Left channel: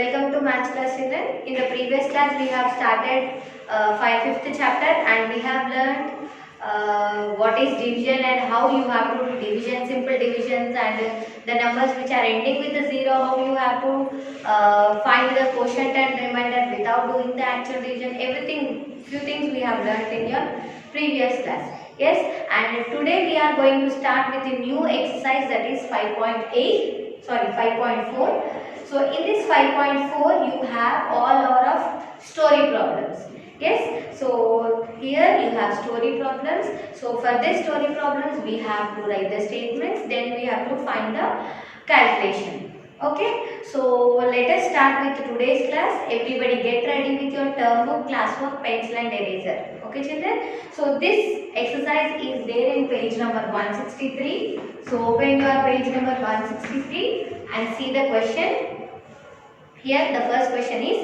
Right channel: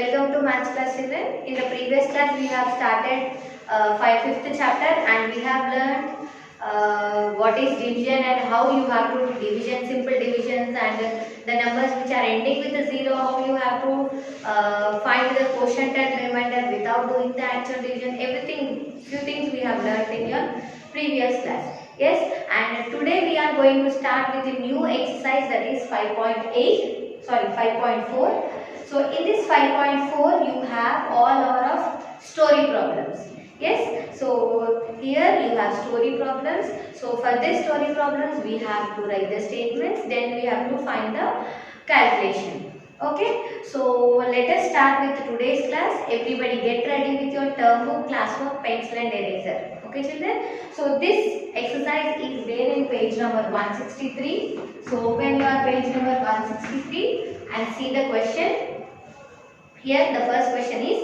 Welcome to Maths class children. In the previous class we have started fifth chapter and we have learned what is division and how you have to do division, simple divisions, and the numbers which are ending with a zero, how you have to find the quotient and remainder without doing the actual division. Everything, few things we have learned in your previous class. Yes, and today we are going to start with a new exercise, that is 5.4. So in this 5.4 you have all of story problems. Yes, so here you have story problems. So for this story problems we have to write the statements, then we have to find the calculation. Okay, so let us start with today's class. Everybody get ready with your term book, classwork, pencil and eraser. Okay children, so this exercise is there in page number 163. So open your page number 163 and see the question. Here the first question is,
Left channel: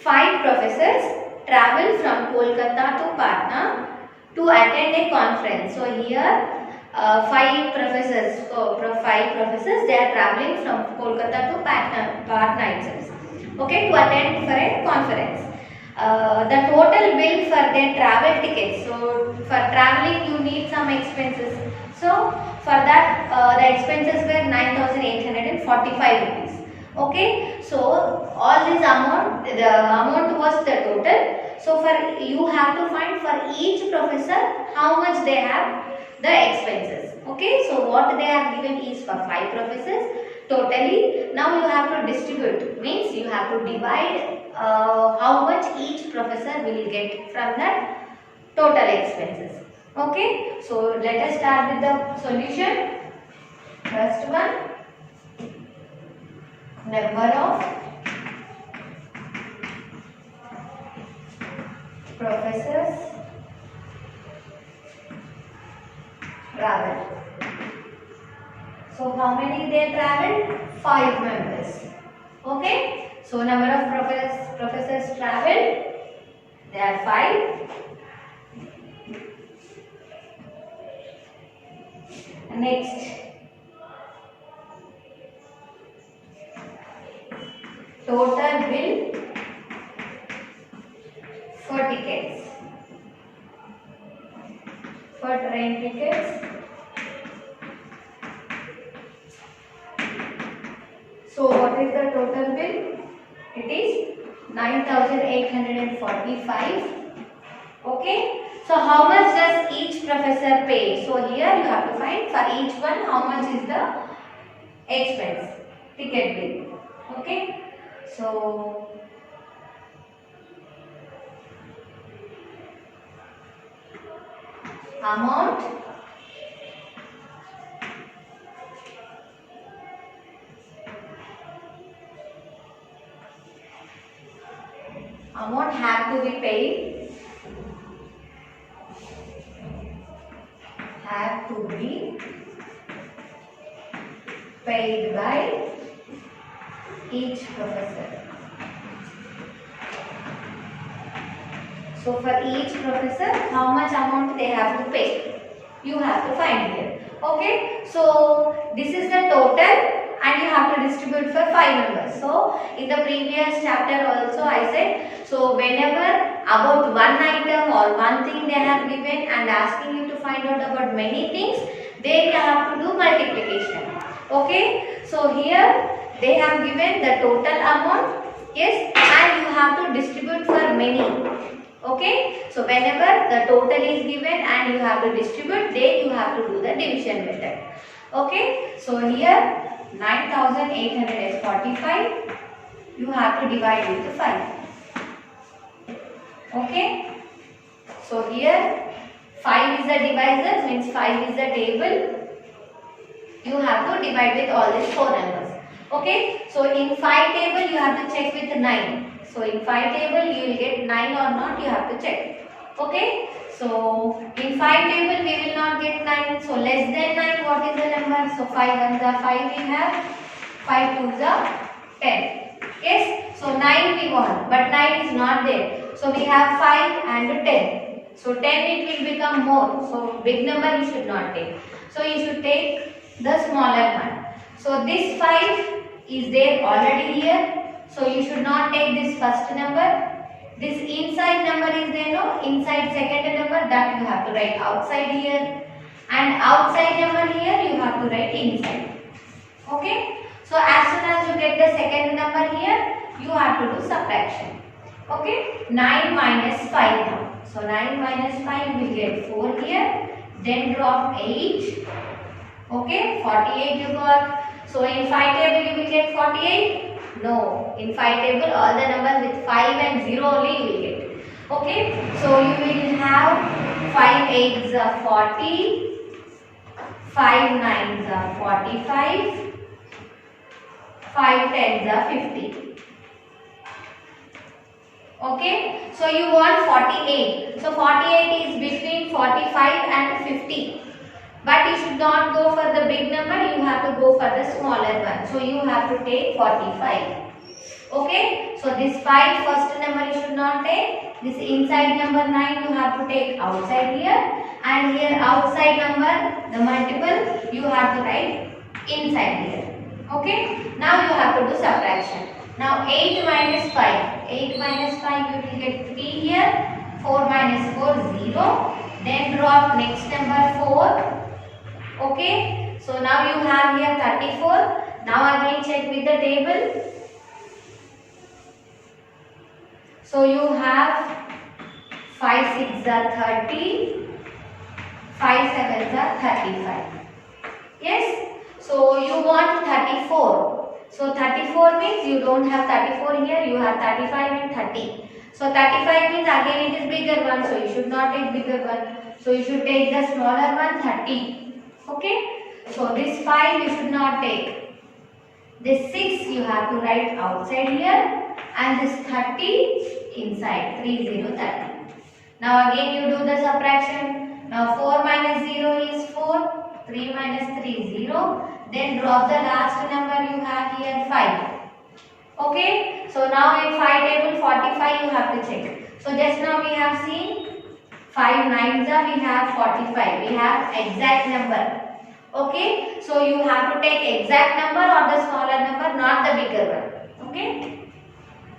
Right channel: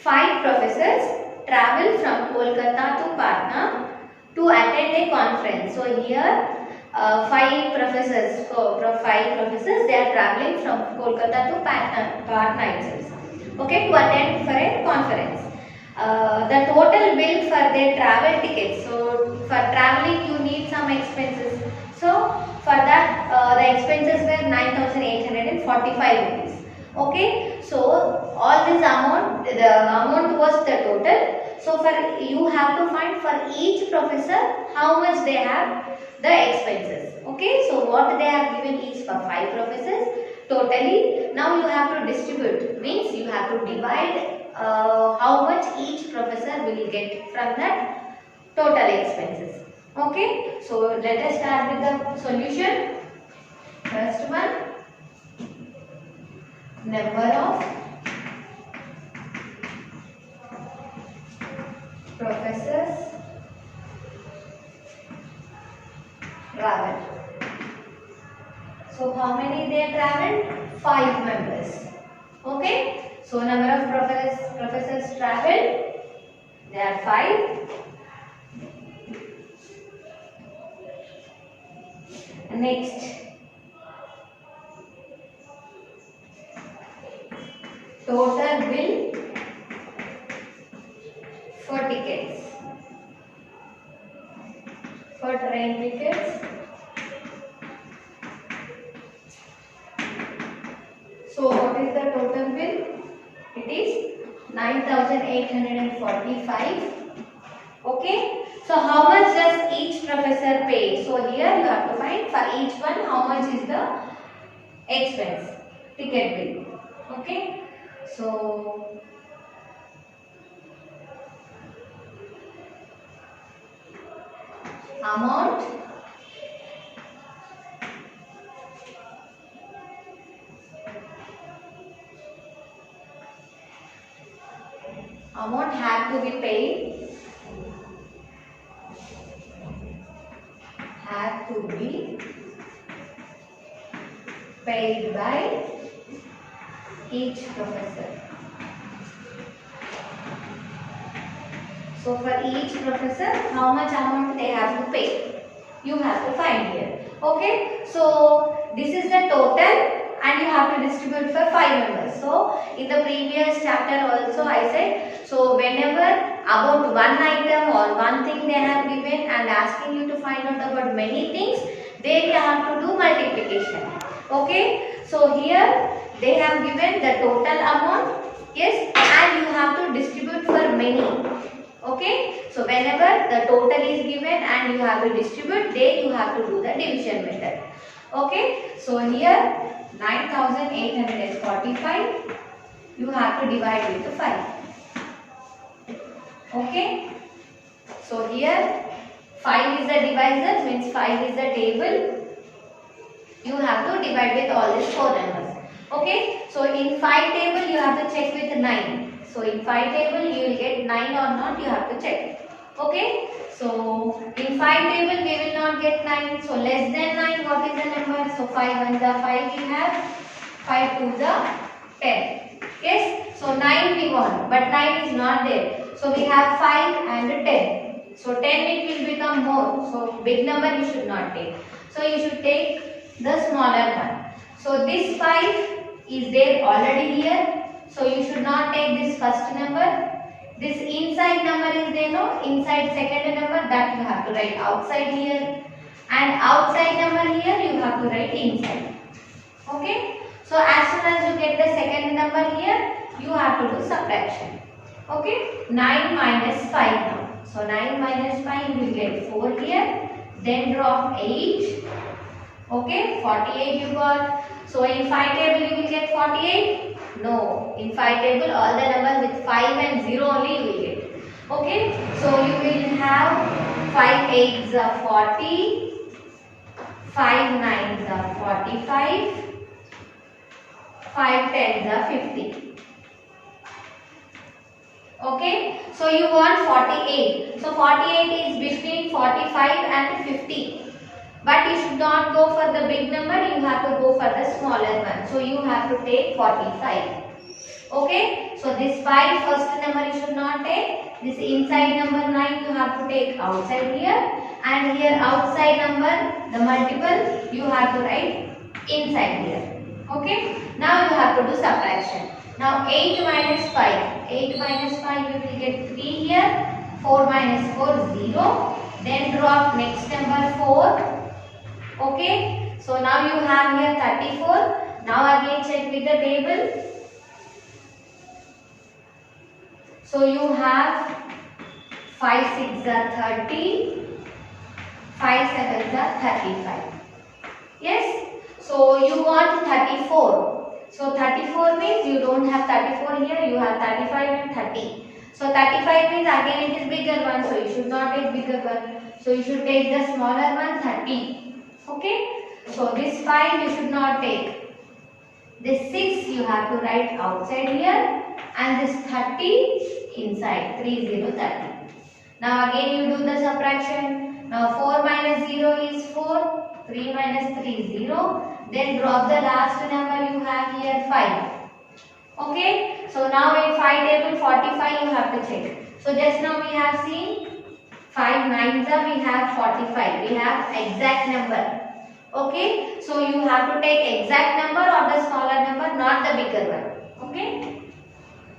5 professors travel from Kolkata to Patna to attend a conference. So here 5 professors, they are traveling from Kolkata to Patna itself. Okay, to attend for a conference. The total bill for their travel tickets. So for traveling you need some expenses. So for that the expenses were 9,845 rupees. Okay, so all this amount, the amount was the total. So for you have to find for each professor how much they have the expenses. Okay, so what they have given is for 5 professors totally. Now you have to distribute, means you have to divide how much each professor will get from that total expenses. Okay, so let us start with the solution. First one, number of professors traveled. So how many they traveled? 5 members. Okay, so number of professors traveled, there are 5. Next, total bill for tickets, for train tickets. So what is the total bill? It is 9,845. Okay, so how much does each professor pay? So here you have to find for each one how much is the expense, ticket bill. Okay, so amount have to be paid, by each professor. So for each professor how much amount they have to pay, you have to find here. Okay, so this is the total and you have to distribute for 5 members. So in the previous chapter also I said, so whenever about one item or one thing they have given and asking you to find out about many things, they have to do multiplication. Okay, so here they have given the total amount, yes, and you have to distribute for many. Okay, so whenever the total is given and you have to distribute, then you have to do the division method. Okay, so here 9,845 you have to divide with 5. Okay, so here 5 is the divisor, means 5 is the table. You have to divide with all these 4 numbers. Okay, so in 5 table you have to check with 9. So in 5 table you will get 9 or not, you have to check. Okay, so in 5 table we will not get 9. So less than 9, what is the number? So 5 1s are 5 we have, 5 2s are 10. Yes, so 9 we want, but 9 is not there. So we have 5 and 10. So 10 it will become more. So big number you should not take. So you should take the smaller one. So this 5 is there already here. So you should not take this first number. This inside number is there, no? Inside second number, that you have to write outside here. And outside number here you have to write inside. Okay? So as soon as you get the second number here, you have to do subtraction. Okay? 9 minus 5 now. So 9 minus 5 you will get 4 here. Then drop 8. Okay? 48 you got. So in 5 table you will get 48. No, in 5 table all the numbers with 5 and 0 only you will get. Okay, so you will have 5 8s are 40, 5 9s are 45, 5 10s are 50. Okay, so you want 48. So 48 is between 45 and 50. But you should not go for the big number, you have to go for the smaller one. So you have to take 45. Okay, so this 5 first number you should not take. This inside number 9 you have to take outside here. And here outside number, the multiple, you have to write inside here. Okay, now you have to do subtraction. Now 8 minus 5. 8 minus 5 you will get 3 here. 4 minus 4, 0. Then drop next number 4. Okay, so now you have here 34. Now again check with the table. So you have 5 6s are 30, 5 7s are 35. Yes, so you want 34. So 34 means you don't have 34 here, you have 35 and 30. So 35 means again it is bigger one, so you should not take bigger one. So you should take the smaller one, 30. Okay, so this 5 you should not take. This 6 you have to write outside here and this 30 inside, 30, 30. Now again you do the subtraction. Now 4 minus 0 is 4, 3 minus 3 0. Then drop the last number you have here 5. Okay, so now in 5 table 45 you have to check. So just now we have seen 5 9s are we have 45. We have exact number. Okay, so you have to take exact number or the smaller number, not the bigger one. Okay,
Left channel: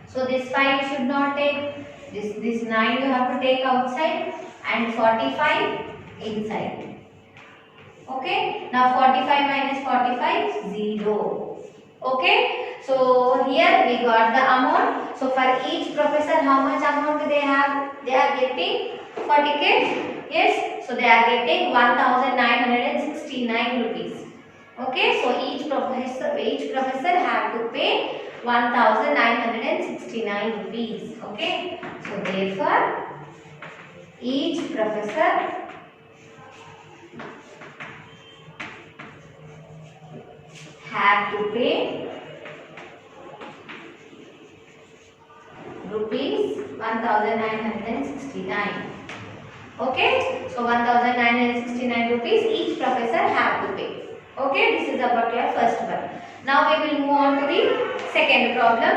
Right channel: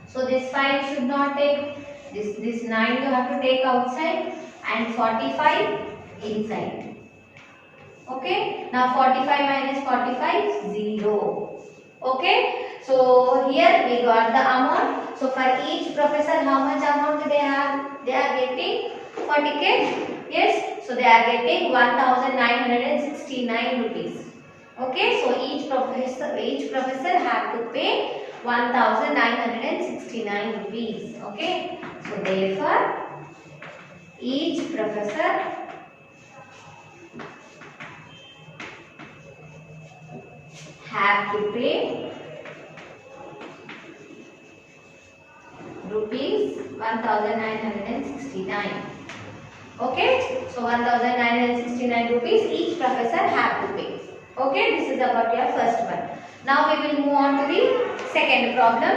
so this 5 you should not take. This 9 you have to take outside and 45 inside. Okay, now 45 minus 45 0. Okay, so here we got the amount. So for each professor how much amount they have? They are getting 40 kids. Yes, so they are getting 1969 rupees. Okay, so each professor have to pay 1969 rupees. Okay, so therefore each professor have to pay rupees 1969. Okay, so 1969 rupees each professor have to pay. Okay, this is about your first one. Now we will move on to the second problem.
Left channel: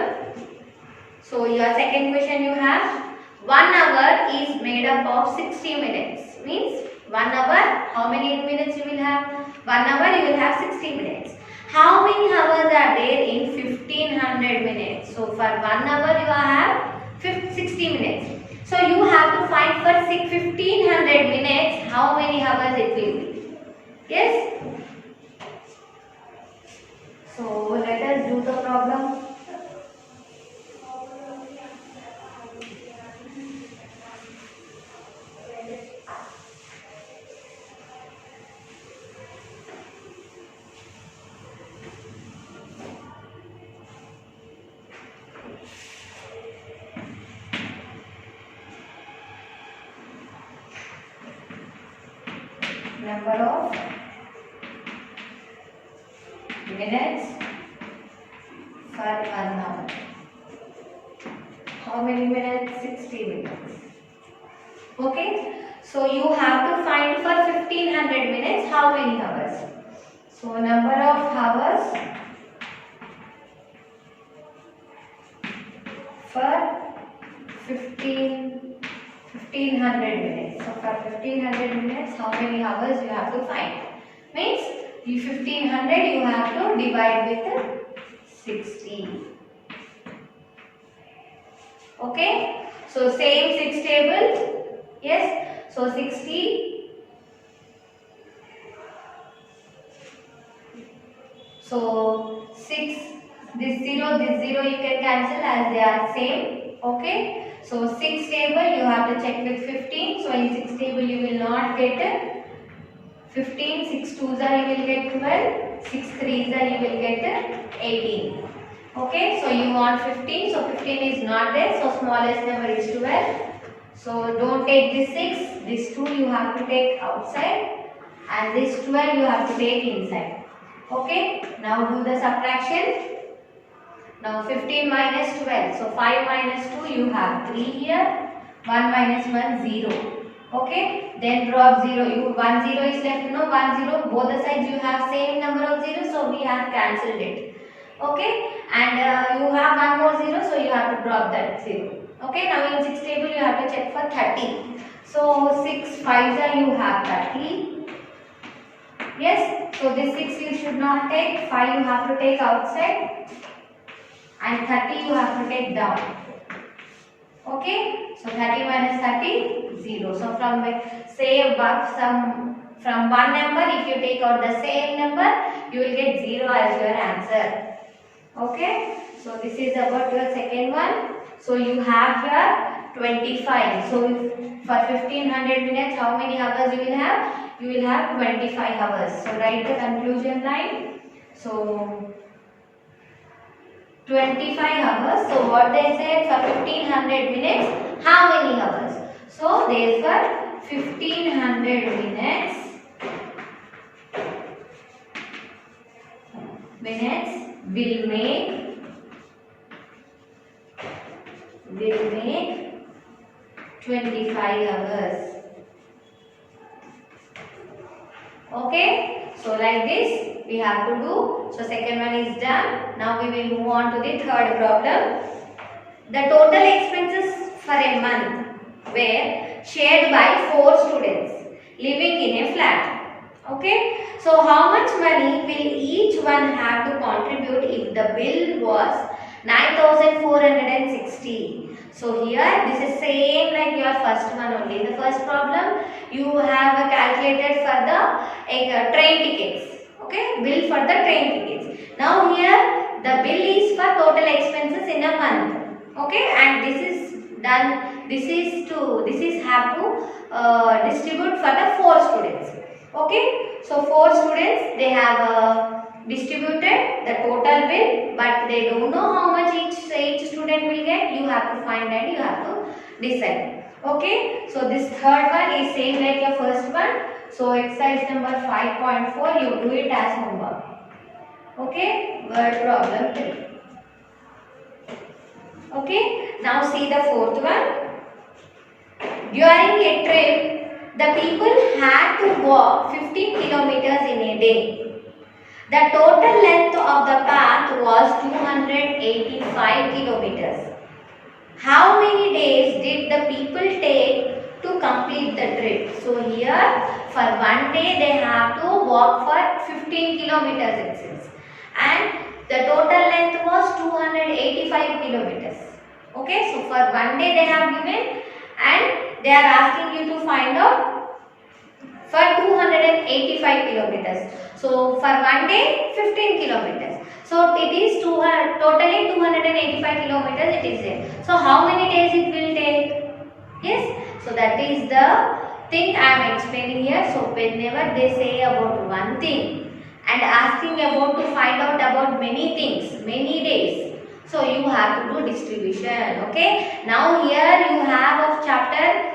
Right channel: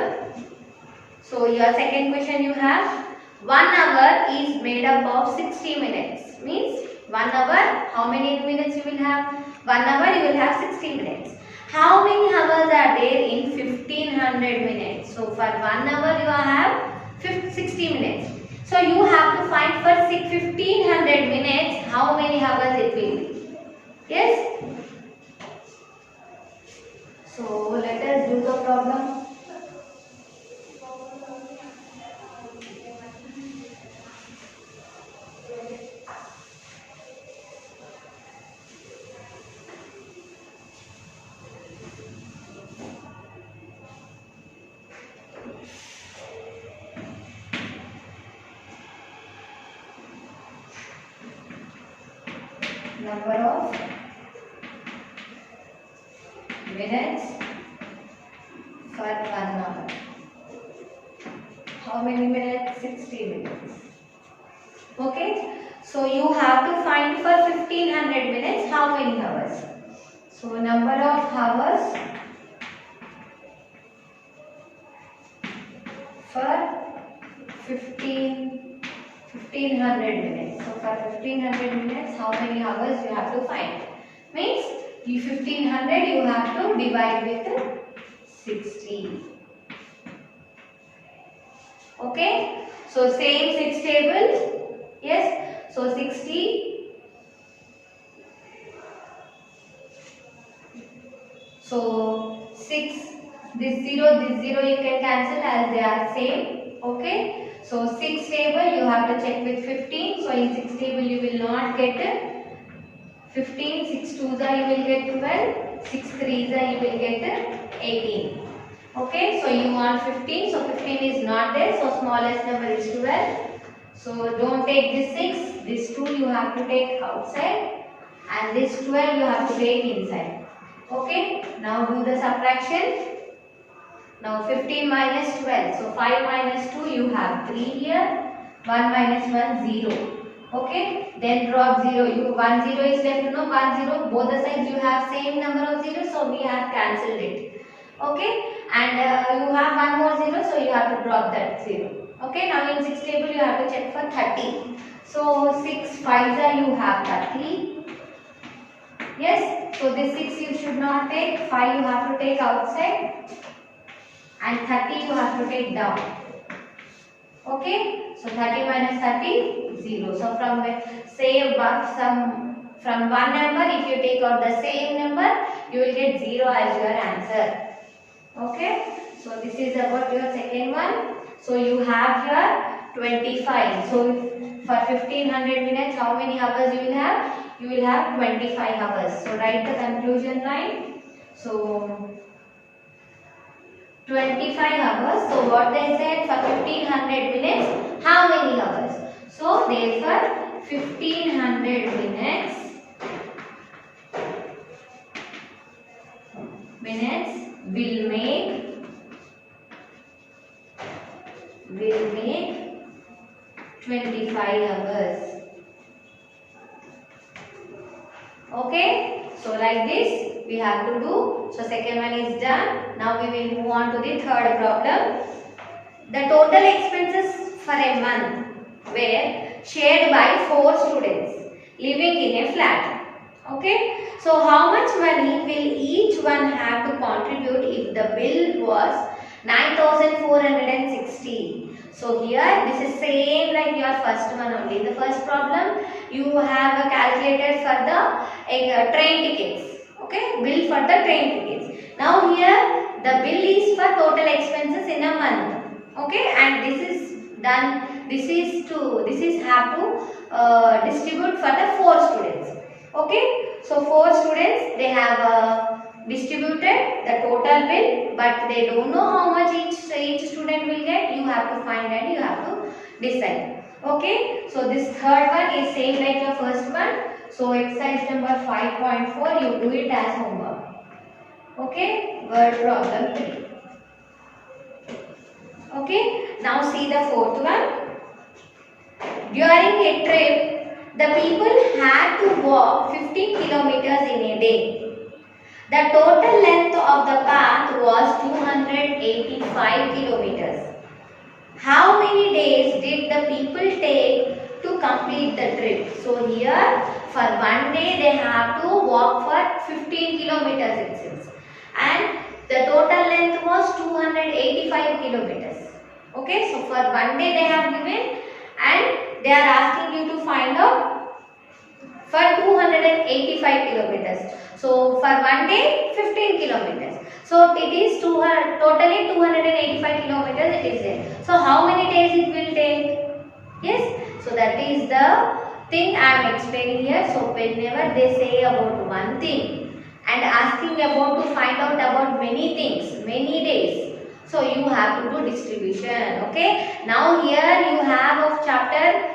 So your second question you have 1 hour is made up of 60 minutes. Means 1 hour, how many minutes you will have? 1 hour you will have 60 minutes. How many hours are there in 1500 minutes? So for 1 hour you have 60 minutes. So you have to find for 1500 minutes how many hours it will be. Yes? So let us do the problem. Number of minutes for 1 hour. How many minutes? 60 minutes. Okay. So you have to find for 1500 minutes how many hours. So number of hours for 1500 minutes. So for 1500 minutes, how many hours you have to find? Means you 1500 you have to divide with 60. Okay, so same 6 table. Yes, so 60. So 6, this 0 you can cancel as they are same. Okay, so 6 table you have to check with 15. So in 6 table you will not get 15, 6 twos are you will get 12, 6 threes are you will get 18. Okay, so you want 15, so 15 is not there, so smallest number is 12. So don't take this 6, this 2 you have to take outside and this 12 you have to take inside. Okay, now do the subtraction. Now 15 minus 12, so 5 minus 2 you have 3 here, 1 minus 1 0. Okay, then drop 0, you 1 0 is left, no 1 0, both the sides you have same number of zeros, so we have cancelled it. Okay, and you have one more 0, so you have to drop that 0. Okay, now in 6 table you have to check for 30. So 6 5s are you have 30. Yes, so this 6 you should not take, 5 you have to take outside and 30 you have to take down. Okay, so 30 minus 30, 0. So from say from one number, if you take out the same number, you will get 0 as your answer. Okay, so this is about your second one. So you have here 25. So for 1500 minutes, how many hours you will have? You will have 25 hours. So write the conclusion line. So 25 hours. So what they said, for 1500 minutes, how many hours? So therefore 1500 minutes will make 25 hours. Okay, so like this we have to do. So second one is done. Now we will move on to the third problem. The total expenses for a month were shared by 4 students living in a flat. Okay, so how much money will each one have to contribute if the bill was 9460? So here this is same like your first one only. The first problem you have calculated for the train tickets. Okay, bill for the train tickets. Now here the bill is for total expenses in a month. Okay, and this is done. This is have to distribute for the 4 students. Okay, so 4 students they have distributed the total bill, but they don't know how much each student will get. You have to find and you have to decide. Okay, so this third one is same like your first one. So exercise number 5.4, you do it as homework. Okay, word problem 3. Okay, now see the fourth one. During a trip, the people had to walk 15 kilometers in a day. The total length of the path was 285 kilometers. How many days did the people take to complete the trip? So here for one day they have to walk for 15 kilometers it says. And the total length was 285 kilometers. Okay, so for one day they have given and they are asking you to find out for 285 kilometers. So for one day 15 kilometers. So it is totally 285 kilometers it is there. So how many days it will take? Yes. So that is the thing I am explaining here. So whenever they say about one thing and asking about to find out about many things, many days. So you have to do distribution. Okay. Now here you have of chapter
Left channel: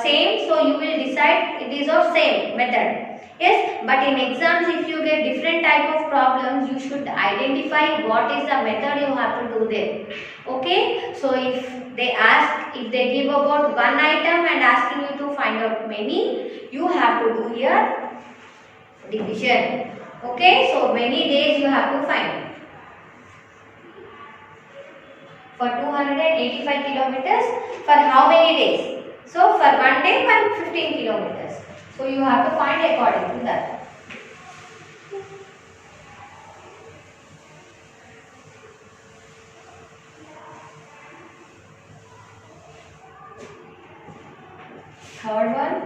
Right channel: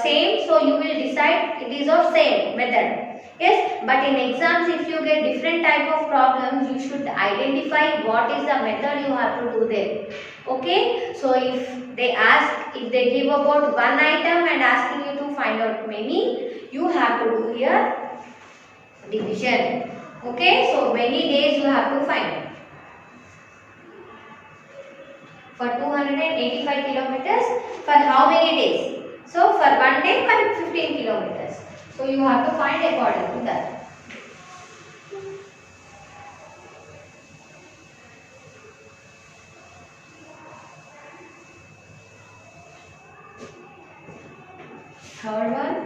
same. So you will decide it is of same method. Yes, but in exams if you get different type of problems, you should identify what is the method you have to do there. Okay, so if they give about one item and asking you to find out many, you have to do here division. Okay, so many days you have to find. For 285 kilometers, for how many days? So for one day, 115 kilometers. So you have to find according to that. third one.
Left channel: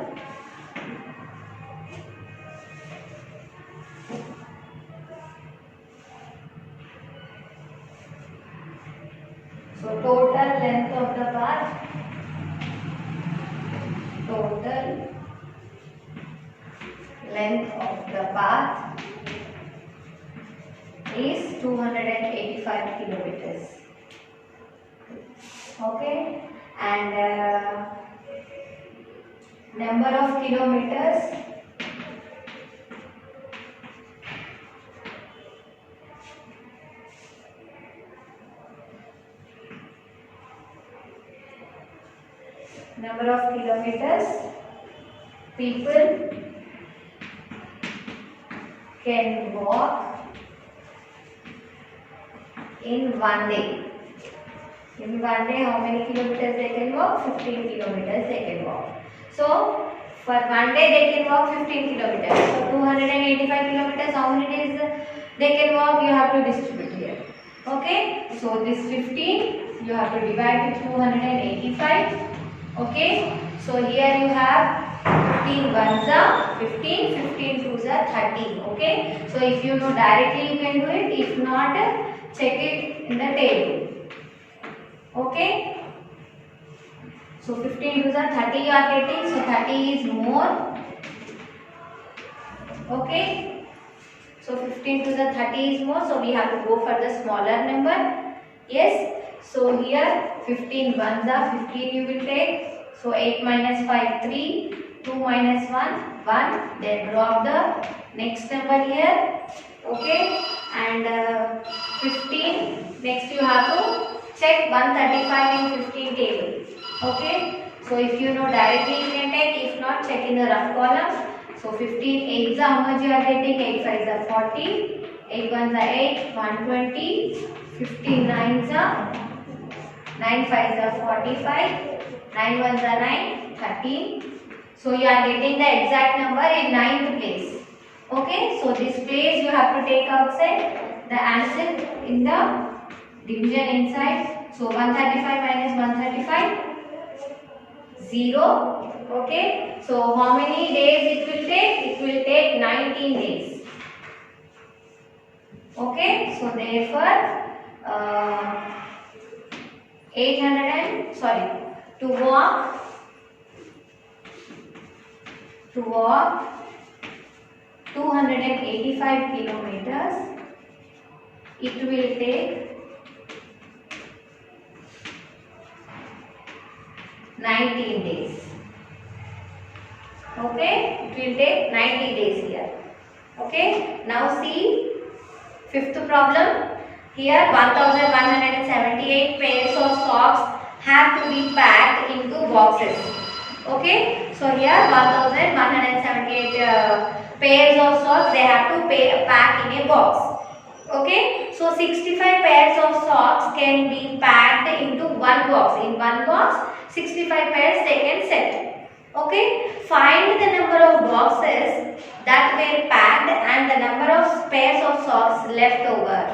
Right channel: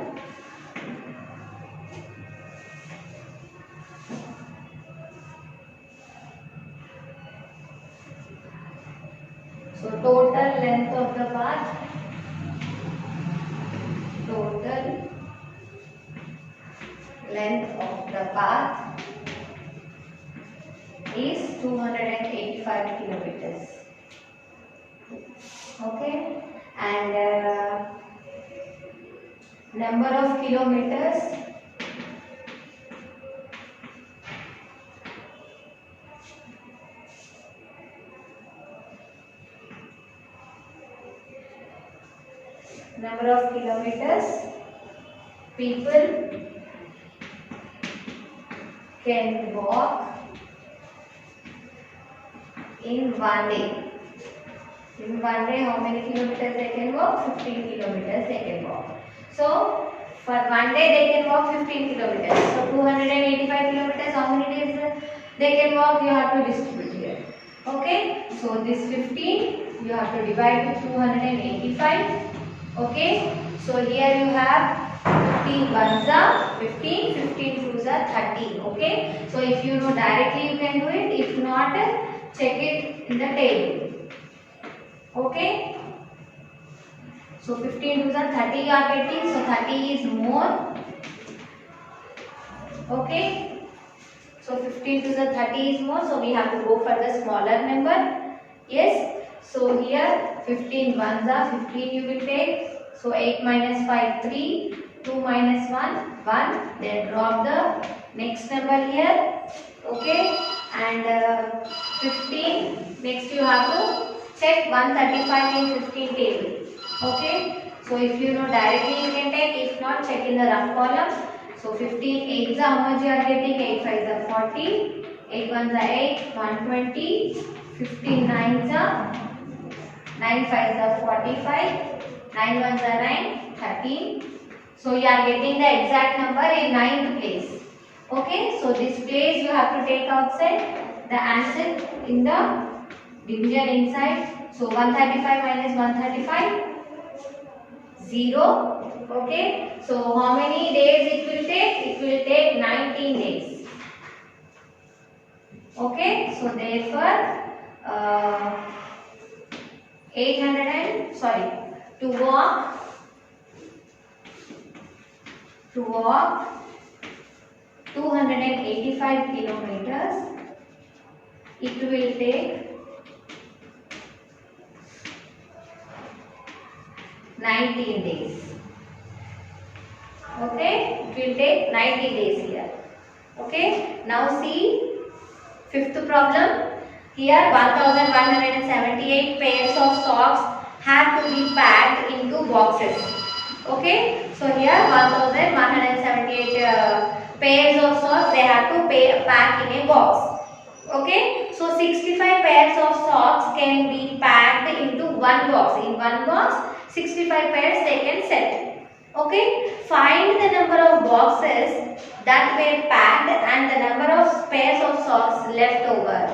So total length of the path, total length of the path is 285 kilometers. Okay, and number of kilometers, number of kilometers people can walk in one day. In one day, how many kilometers they can walk? 15 kilometers they can walk. So for one day they can walk 15 kilometers. So 285 kilometers, how many days they can walk? You have to distribute here. Okay, so this 15 you have to divide with 285. Okay, so here you have 15 ones are 15, 15 twos are 30. Okay, so if you know directly you can do it, if not check it in the table. Okay, so 15 twos are 30 you are getting, so 30 is more. Okay, so 15 twos are 30 is more, so we have to go for the smaller number. Yes, so here 15 ones are 15 you will take, so 8 minus 5 3, 2 minus 1 1, then drop the next number here. Okay, and 15, next you have to check 135 in 15 table. Okay, so if you know directly you can take, if not check in the rough column. So 15 8s are how much you are getting? 8 5s are 40, 8 1s are 8, 120, 15 9s are 9 5s are 45, 9 1s are 9, 13. So you are getting the exact number in 9th place. Okay, so this place you have to take outside the answer in the division inside. So 135 minus 135, 0. Okay, so how many days it will take? It will take 19 days. Okay, so therefore to walk 285 kilometers, it will take 19 days. Okay, it will take 90 days here. Okay, now see fifth problem. Here 1178 pairs of socks have to be packed into boxes. Okay, so here 1178 pairs of socks they have to pack in a box. Okay, so 65 pairs of socks can be packed into one box. In one box 65 pairs they can set. Okay, find the number of boxes that were packed and the number of pairs of socks left over.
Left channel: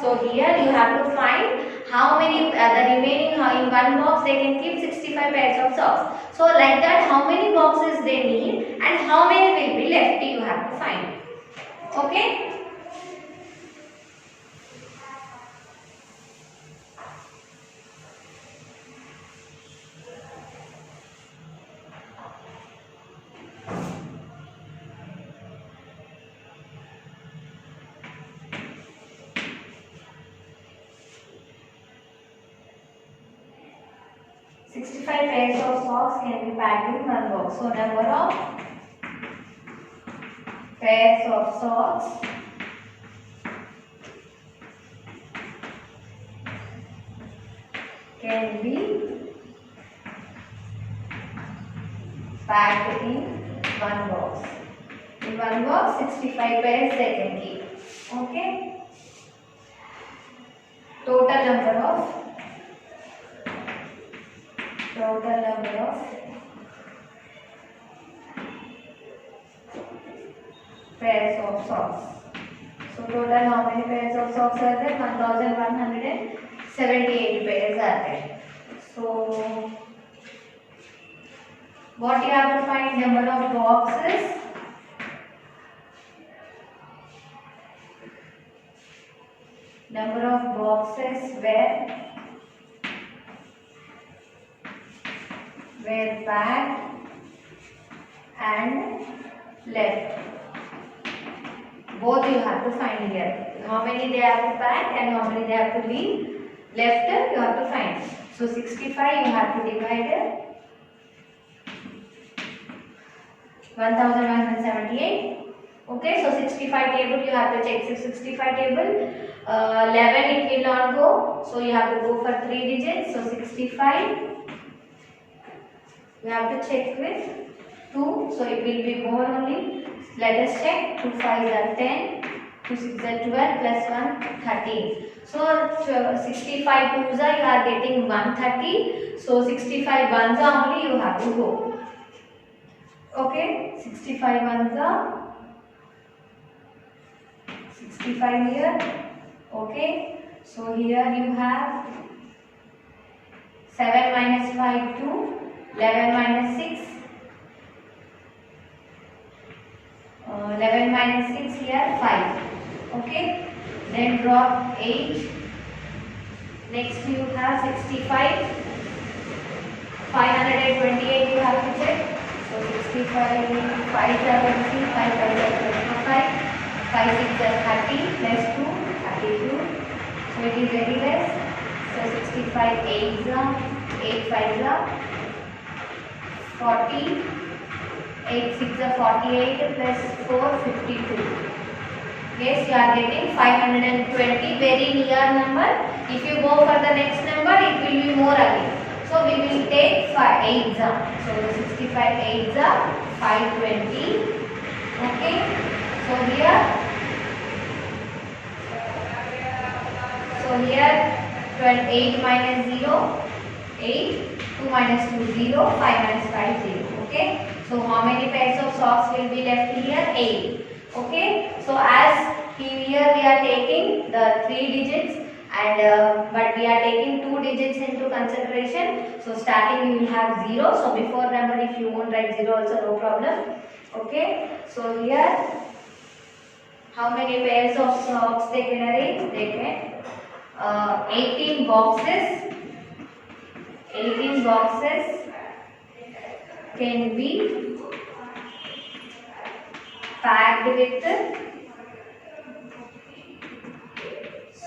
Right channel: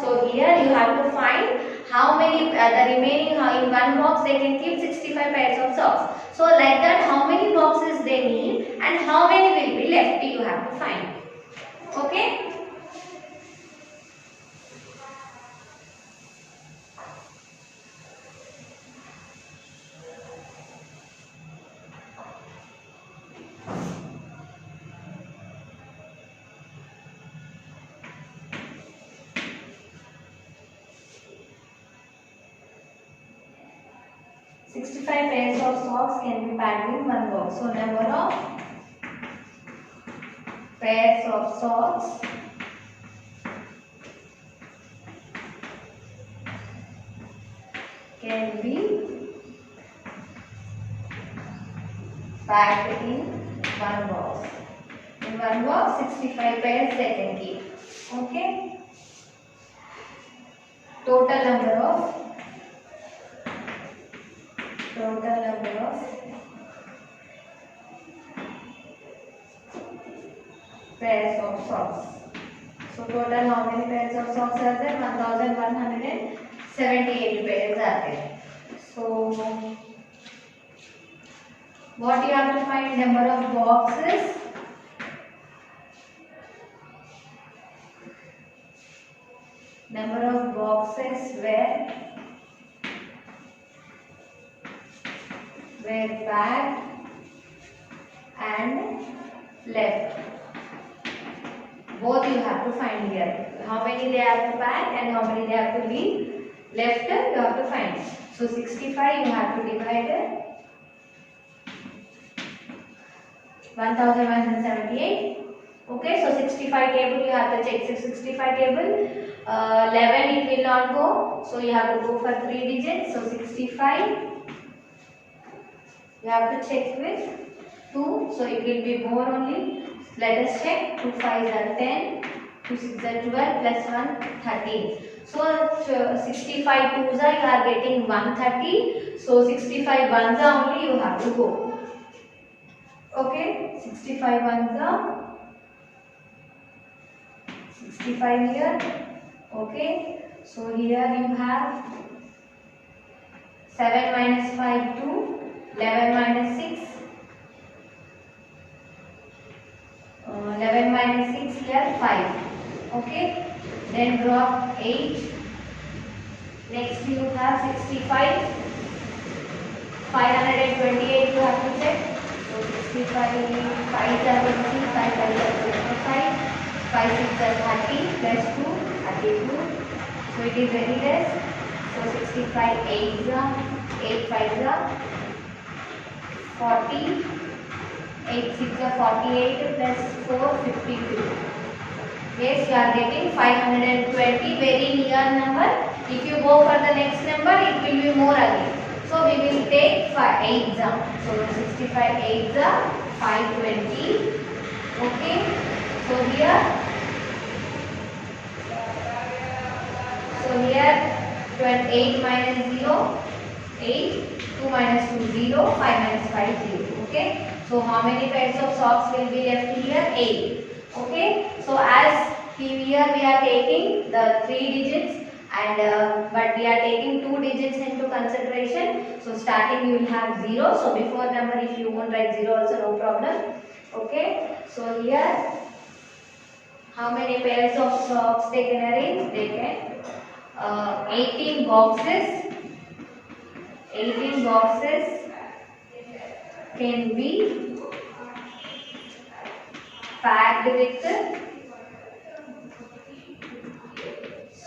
So here you have to find how many the remaining, in one box they can keep 65 pairs of socks. So like that how many boxes they need and how many will be left you have to find. Okay. 65 pairs of socks can be packed in one box. So number of pairs of socks can be packed in one box. In one box 65 pairs they can keep. Okay. Total number of pairs of socks. So total how many pairs of socks are there? 1178 pairs are there. So What you have to find? Number of boxes. Number of boxes were packed and left. Both you have to find here. How many they have to pack and how many they have to leave left, you have to find. So 65 you have to divide 1178. Okay, so 65 table you have to check. So 65 table 11 it will not go, so you have to go for 3 digits. So 65 you have to check with 2, so it will be more only. Let us check. 2 5s are 10, 2 6s are 12, plus 1 13. So 65 2s are you are getting 130. So 65 ones are only you have to go. Okay, 65 ones are 65 here. Okay, so here you have 7 minus 5 2, 11 minus 6, 11 minus 6 here 5. Okay, then drop 8. Next you have 65, 528 you have to check. So 65 5 are 20, 5 5 are 25, 5 6 are 30, plus 2 32. So it is very less. So 65 8s are 8 5s are 40, 8 6 are 48, plus 4 52. Yes, you are getting 520, very near number. If you go for the next number, it will be more again. So we will take 8s are. So 65 8s are 520. Okay. So here 8 minus 0, 8, 2 minus 2, 0, 5 minus 5, 0. Okay. So how many pairs of socks will be left here? 8. Okay. So as here we are taking the 3 digits and but we are taking 2 digits into consideration. So starting you will have 0. So before number if you won't write 0 also no problem. Okay. So here how many pairs of socks they can arrange? They can 18 boxes. 18 boxes can be packed with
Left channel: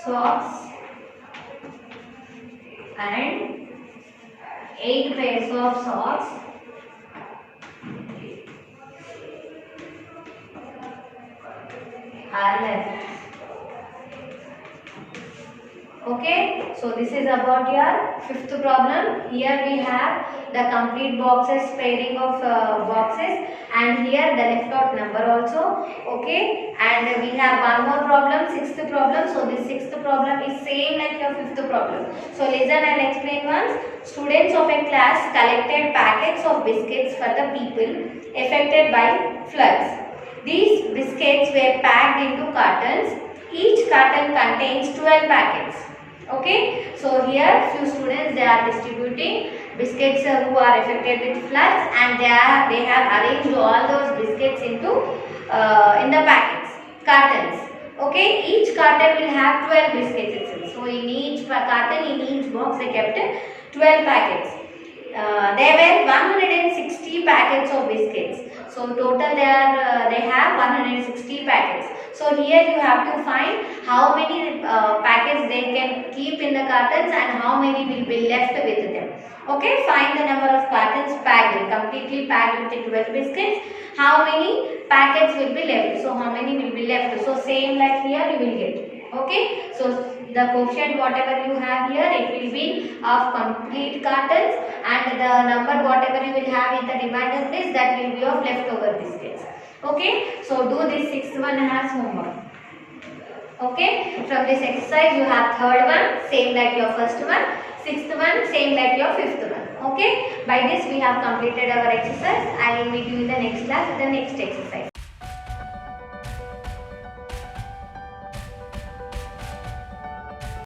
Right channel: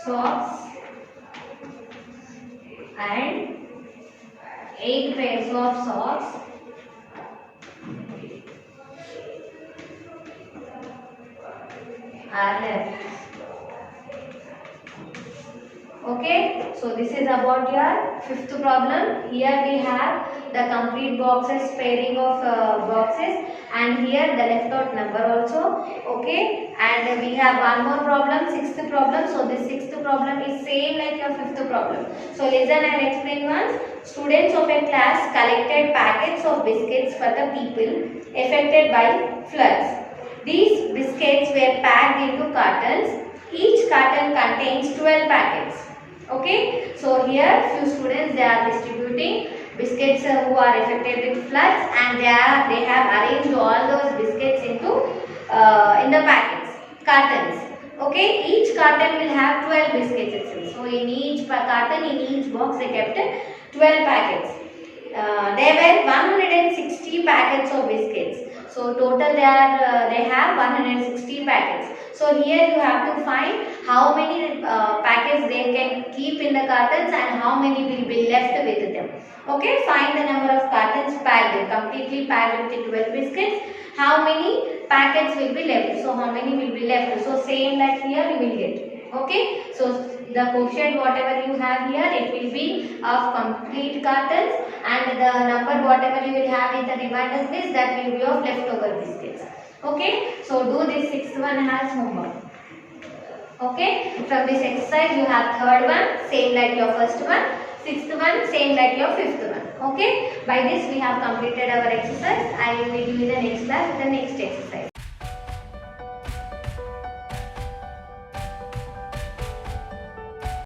socks and 8 pairs of socks are left. Okay, so this is about your fifth problem. Here we have the complete boxes, pairing of boxes, and here the left out number also. Okay, and we have one more problem, sixth problem. So this sixth problem is same like your fifth problem. So listen and explain once. Students of a class collected packets of biscuits for the people affected by floods. These biscuits were packed into cartons. Each carton contains 12 packets. Okay, so here few students they are distributing biscuits who are affected with floods, and they have arranged all those biscuits into in the packets, cartons. Okay, each carton will have 12 biscuits itself. So in each carton, in each box they kept 12 packets. There were 160 packets of biscuits. So total they have 160 packets. So here you have to find how many packets they can keep in the cartons and how many will be left with them. Okay, find the number of cartons packed, completely packed with the 12 biscuits. How many packets will be left? So how many will be left? So same like here you will get. Okay, so the quotient whatever you have here, it will be of complete cartons, and the number whatever you will have in the remainder list, that will be of leftover biscuits. Okay, so do this sixth one as homework. Okay, from this exercise you have third one same like your first one, sixth one same like your fifth one. Okay, by this we have completed our exercise. I will meet you in the next class with the next exercise.